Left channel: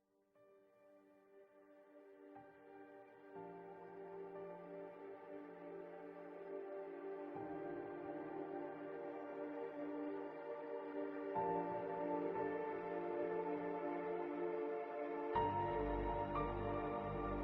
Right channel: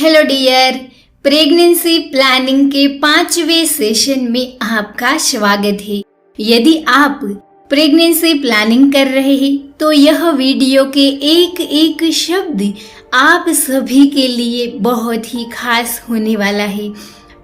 Hello dear, pregnancy planning के 5वें session में आपका स्वागत है। यदि आप प्रेगनेंसी प्लानिंग कर रहे हैं तो यह वीडियो के एक एक शब्द आप सभी के लिए बहुत ही खास होने वाला है।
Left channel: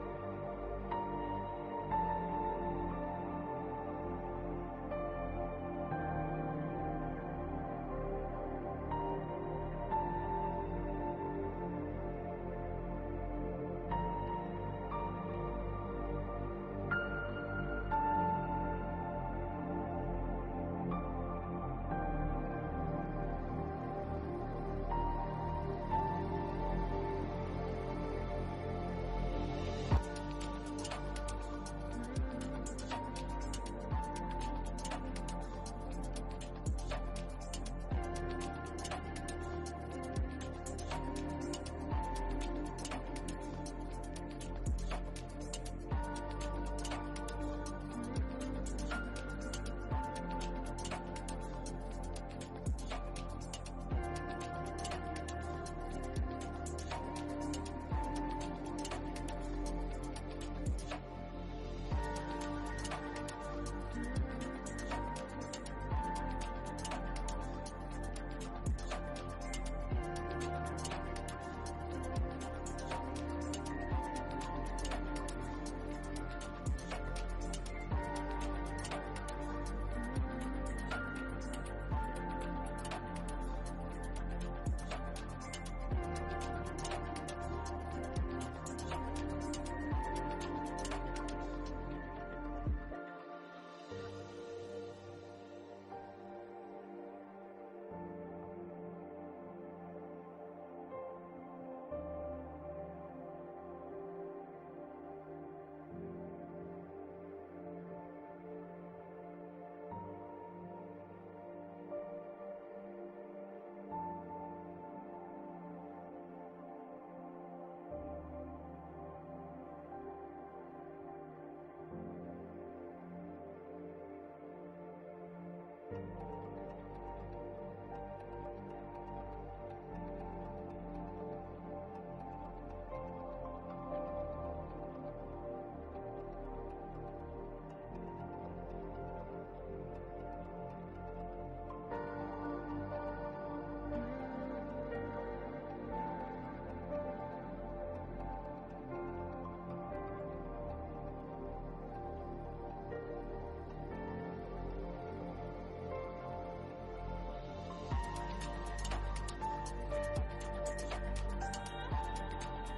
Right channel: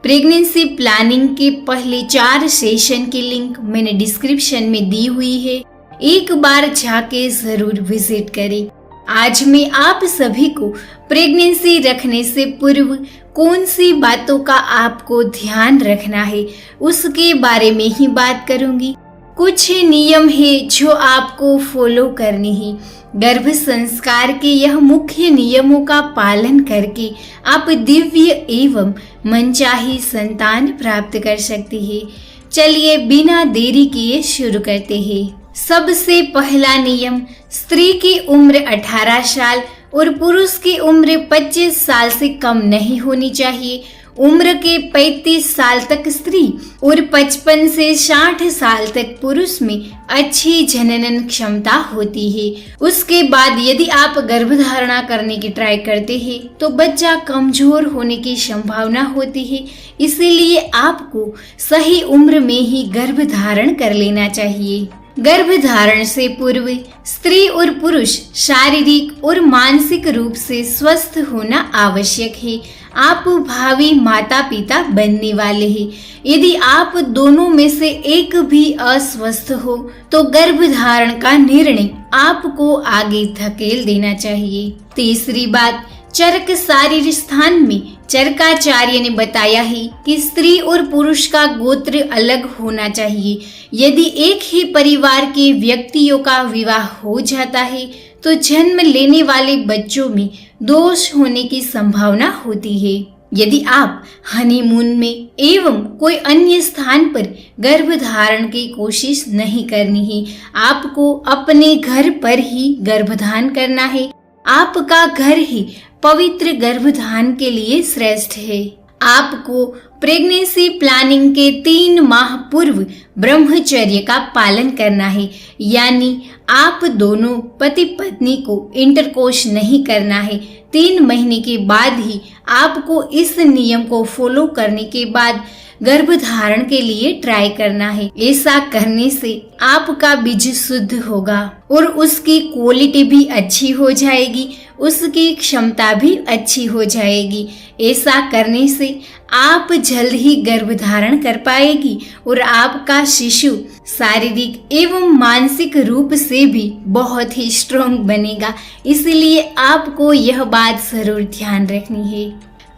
प्रेगनेंसी प्लानिंग के पहले 4 सेशन की लिंक मैंने डिस्क्रिप्शन में दी हुई है, एक बार जाके जरूर विजिट करें। आज मैं आप सभी को प्रेगनेंसी रखने से पूर्व कौन सी बातों का आपको ध्यान रखना है उसके बारे में ही बात करूंगी। कुछ नियम है जो आपको फॉलो करने हैं। गर्भ संस्कार के यह मुख्य नियमों का पालन करके आप दिव्य एवं मनचाही संतान प्राप्त कर सकते हैं। चलिए बिना देरी किए शुरू करते हैं। सबसे पहला नियम, स्त्री की उम्र 18 साल और पुरुष की उम्र 25 साल से कम नहीं होनी चाहिए। उम्र के 35 साल तक स्त्री और 55 से 60 साल तक पुरुष में अच्छी जननन क्षमता होती है। उसके बाद यदि आप गर्भधारणा करने की ट्राई करते हैं तो बच्चा कमजोर होने की संभावना होती है, इसीलिए आपको सही उम्र में ही गर्भधारण कर लेना चाहिए। गर्भधारण से पूर्व स्त्री और पुरुष शारीरिक और मानसिक रूप से स्वस्थ होना आवश्यक है। आप भावी माता पिता बनने वाले हैं। यदि आप दोनों में से एक भी अस्वस्थ हो तो गर्भधारण का निर्णय आपको आगे धकेल देना चाहिए। तीसरी बात, चरक शारीर स्थान में चरकाचार्य ने बताया है कि स्त्री और पुरुष का गोत्र अलग होना चाहिए। यदि एक ही परिवार के व्यक्तियों का विवाह हो जाता है तो जन्म लेने वाले बच्चों में दोष होने की संभावना होती है। यदि आप हनीमून में एवं कोई अन्य स्थान पर गर्भधारण की कोशिश नहीं करनी है, आपको अपने घर पर ही गर्भधान करना है। आपका घर ही पवित्र गर्भधान के लिए श्रेष्ठ है। आपको प्रेगनेंसी प्लानिंग के 3 माह पूर्व ब्रह्मचर्य का पालन करना है, यानी आप दोनों पति पत्नी को इंटरकोर्स नहीं करना है। 3 महीने के बाद ही आपको इस नियम को फॉलो करने के बाद गर्भधारण के लिए ट्राई करना है। ऐसा करने से आपका बीज शुद्ध होगा और उसकी क्वालिटी भी अच्छी हो जाएगी, उसकी क्षमता भी अच्छी हो जाएगी। ऐसा करने से आप जल्द ही गर्भधारण कर पाएगी और आपका शिशु शारीरिक एवं मानसिक रूप से भी बहुत ही स्ट्रॉन्ग बनेगा। इसलिए आपको यह बात जरूर ध्यान रखनी है।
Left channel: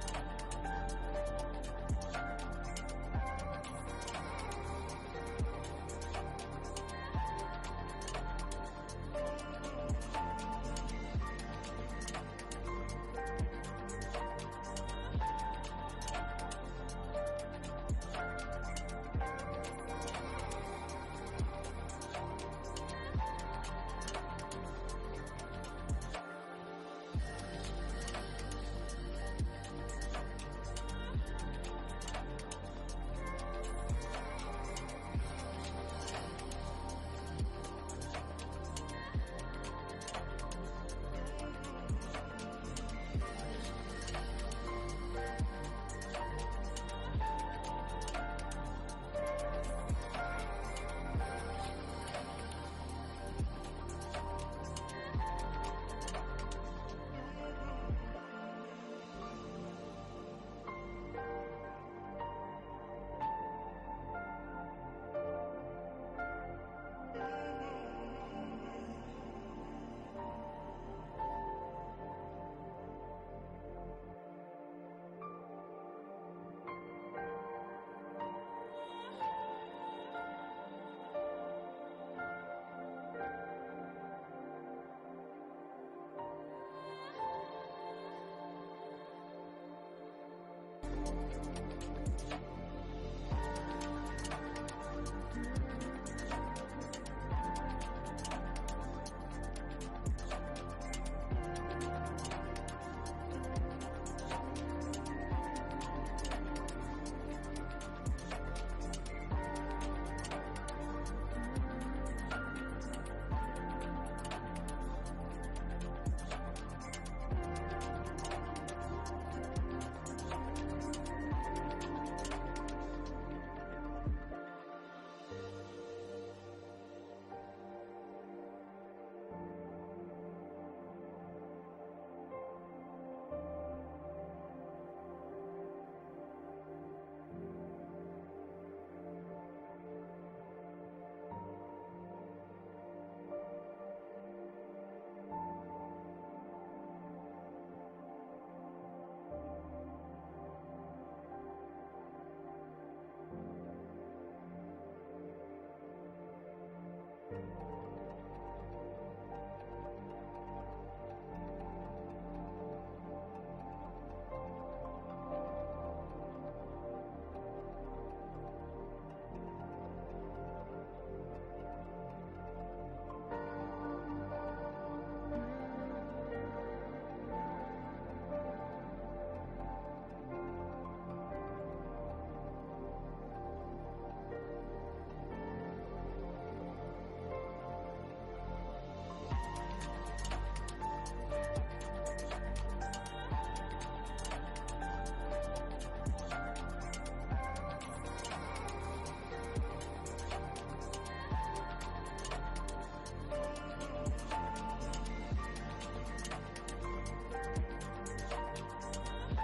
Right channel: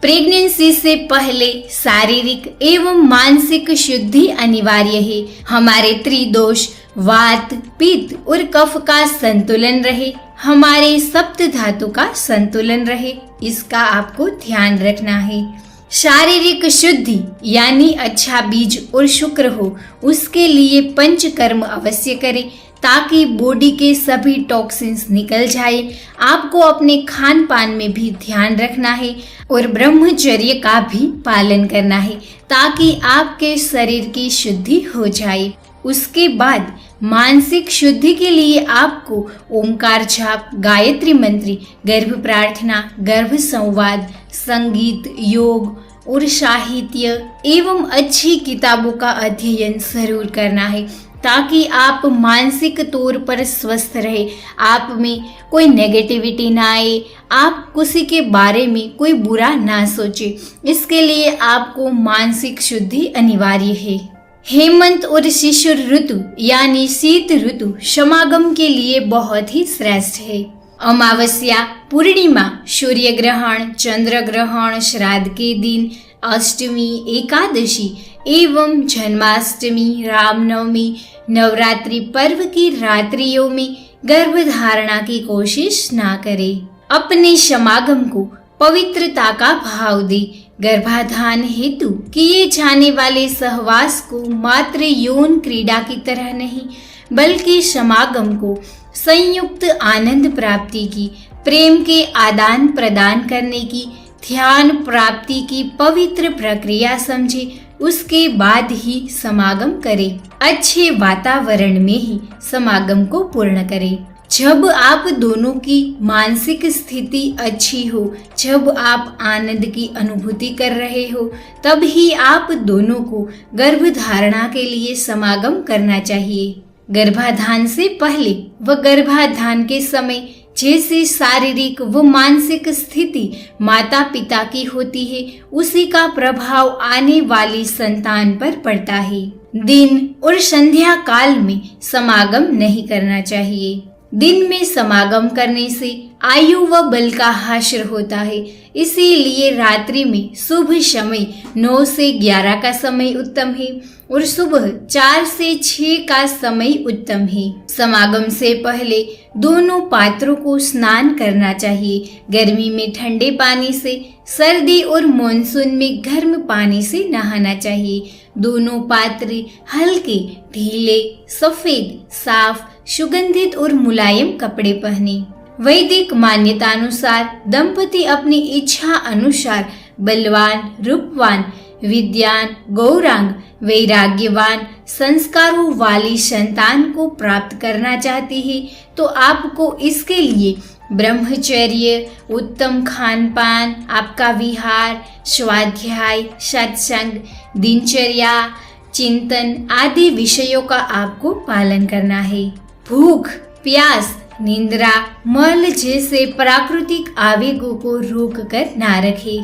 प्रेगनेंसी से पहले शारीरिक एवं मानसिक शुद्धि अनिवार्य है। हमारे त्रिदोष वात, पित्त और कफ का संतुलन रहे, हमारे सप्त धातु का संतुलन रहे, इसका आपको ध्यान रखना है। शारीरिक शुद्धि यानी अच्छा बीज और शुक्र हो, उसके लिए पंचकर्म अवश्य करें ताकि बॉडी के सभी टॉक्सिन्स निकल जाए। आपको अपने खान पान में भी ध्यान रखना है और ब्रह्मचर्य का भी पालन करना है ताकि आपके शरीर की शुद्धि हो जाए। उसके बाद मानसिक शुद्धि के लिए आपको ओमकार जाप, गायत्री मंत्र, गर्भ प्रार्थना, गर्भ संवाद, संगीत, योग और साहित्य एवं अच्छी किताबों का अध्ययन जरूर करना है ताकि आप मानसिक तौर पर स्वस्थ रहे, आप में कोई नेगेटिविटी ना आए, आप किसी के बारे में कोई बुरा ना सोचे। इसके लिए आपको मानसिक शुद्धि अनिवार्य है। हेमंत और शिशिर ऋतु यानी शीत ऋतु समागम के लिए बहुत ही श्रेष्ठ है। अमावस्या, पूर्णिमा, सूर्य ग्रहण, चंद्र ग्रहण, श्राद्ध के दिन, अष्टमी, एकादशी एवं जन्माष्टमी, रामनवमी, नवरात्रि पर्व की रात्रियों में गर्भधारणा की कोशिश ना करें। अपने समागम को पवित्रता का भाव दे। गर्भाधान हेतु किए जाने वाले सहवास को मात्र यौन क्रीड़ा की तरह नहीं बल्कि समागम को संयुक्त आनंद प्राप्ति की, प्रेम के आदान प्रदान करने की, ध्यान प्राप्ति की पवित्र प्रक्रिया समझे। उसके बाद ही समागम करें। अच्छे वातावरण में ही समागम को पूर्ण करें। जब आप दोनों की मानसिक स्थिति अच्छी हो, जब आप आनंद की अनुभूति कर रहे हो, तब ही आप दोनों को गर्भधारणा के लिए समागम करना चाहिए। गर्भाधान से पहले व गर्भाधान के समय जैसे शारीरिक व मानसिक स्थिति माता पिता की होती है, उसी का प्रभाव आने वाली संतान पर पड़ता है। दिन और संध्या काल में समागम नहीं करना चाहिए। दिन में समागम करने से आयु व बल का हासिल होता है, इसीलिए रात्रि में शुभ समय 9 से 11 का समय उत्तम है और सुबह 4 से 6 का समय उत्तम है। समागम से पहले दोनों पात्रों को स्नान करना चाहिए। गर्मी में ठंडे पानी से, सर्दी और मानसून में गर्म पानी से नहाना चाहिए। दोनों पात्र हल्के, ढीले, सफेद, साफ, सुगंधित और मुलायम कपड़े पहने। वैदिक मान्यता अनुसार दंपति अपनी इच्छा अनुसार बलवान, रूपवान, विद्यान, गौरांग, वैराग्यवान, संस्कारों वाली संतान को प्राप्त करना चाहती है तो आपको इसके लिए ब्रह्मचर्य, उत्तम खान पान, आपका विहार, स्वाध्याय, सत्संग, दिनचर्या, चिंतन आदि विषयों का आपको पालन करना है। भूख, प्यास, निंद्रा, मल जैसे प्राकृतिक आवेगों को रोककर ना रखे।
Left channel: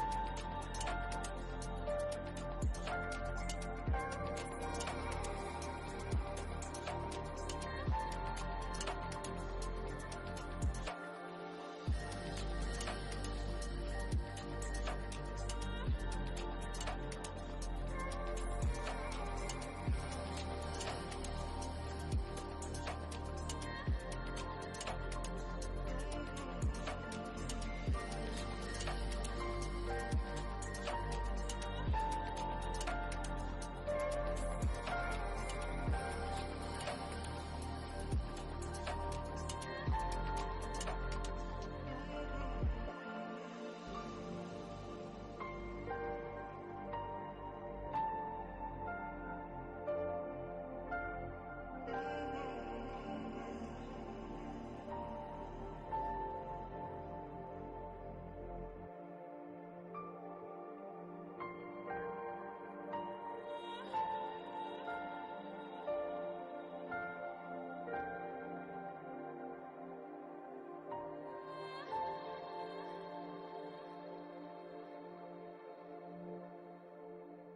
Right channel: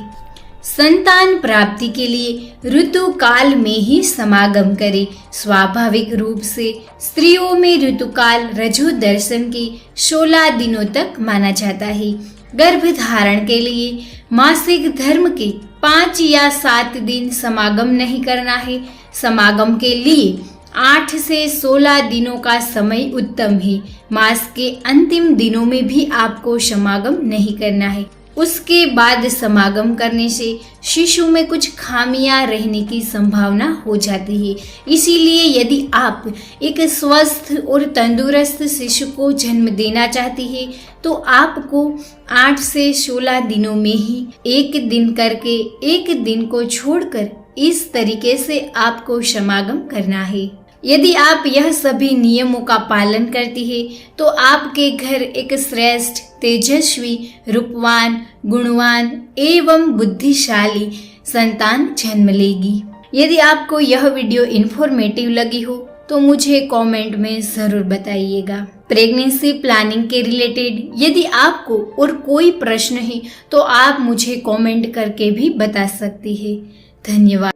संतान प्राप्ति के लिए ऋतु काल में ही समागम करें। स्वाभाविक रूप से स्त्रियों में ऋतुकाल रजो दर्शन के 16 दिनों तक माना जाता है। गर्भधारण के लिए मासिक धर्म के 5 या 7 दिन समागम नहीं करना है। समागम के लिए 8 से 16 दिनों का समय उत्तम है। मास के अंतिम दिनों में भी आपको समागम नहीं करना है। उसके बाद समागम करने से शिशु में कुछ खामियां रहने की संभावना हो जाती है। इसीलिए यदि आप एक स्वस्थ और तंदुरुस्त शिशु को जन्म देना चाहती है तो आपको 8 से 16 दिनों में ही एक दिन करके एक दिन को छोड़कर इस तरीके से आपको समागम करना है। यदि आप यह सभी नियमों का पालन करती है तो आपके घर एक श्रेष्ठ, तेजस्वी, रूपवान, गुणवान एवं बुद्धिशाली संतान जन्म लेगी। यदि आपको यह वीडियो इन्फॉर्मेटिव लगी हो तो मुझे कमेंट में जरूर बताइएगा। प्रेगनेंसी प्लानिंग के रिलेटेड यदि आपको और कोई प्रश्न है तो आप मुझे कमेंट करके भी बता सकती है। धन्यवाद।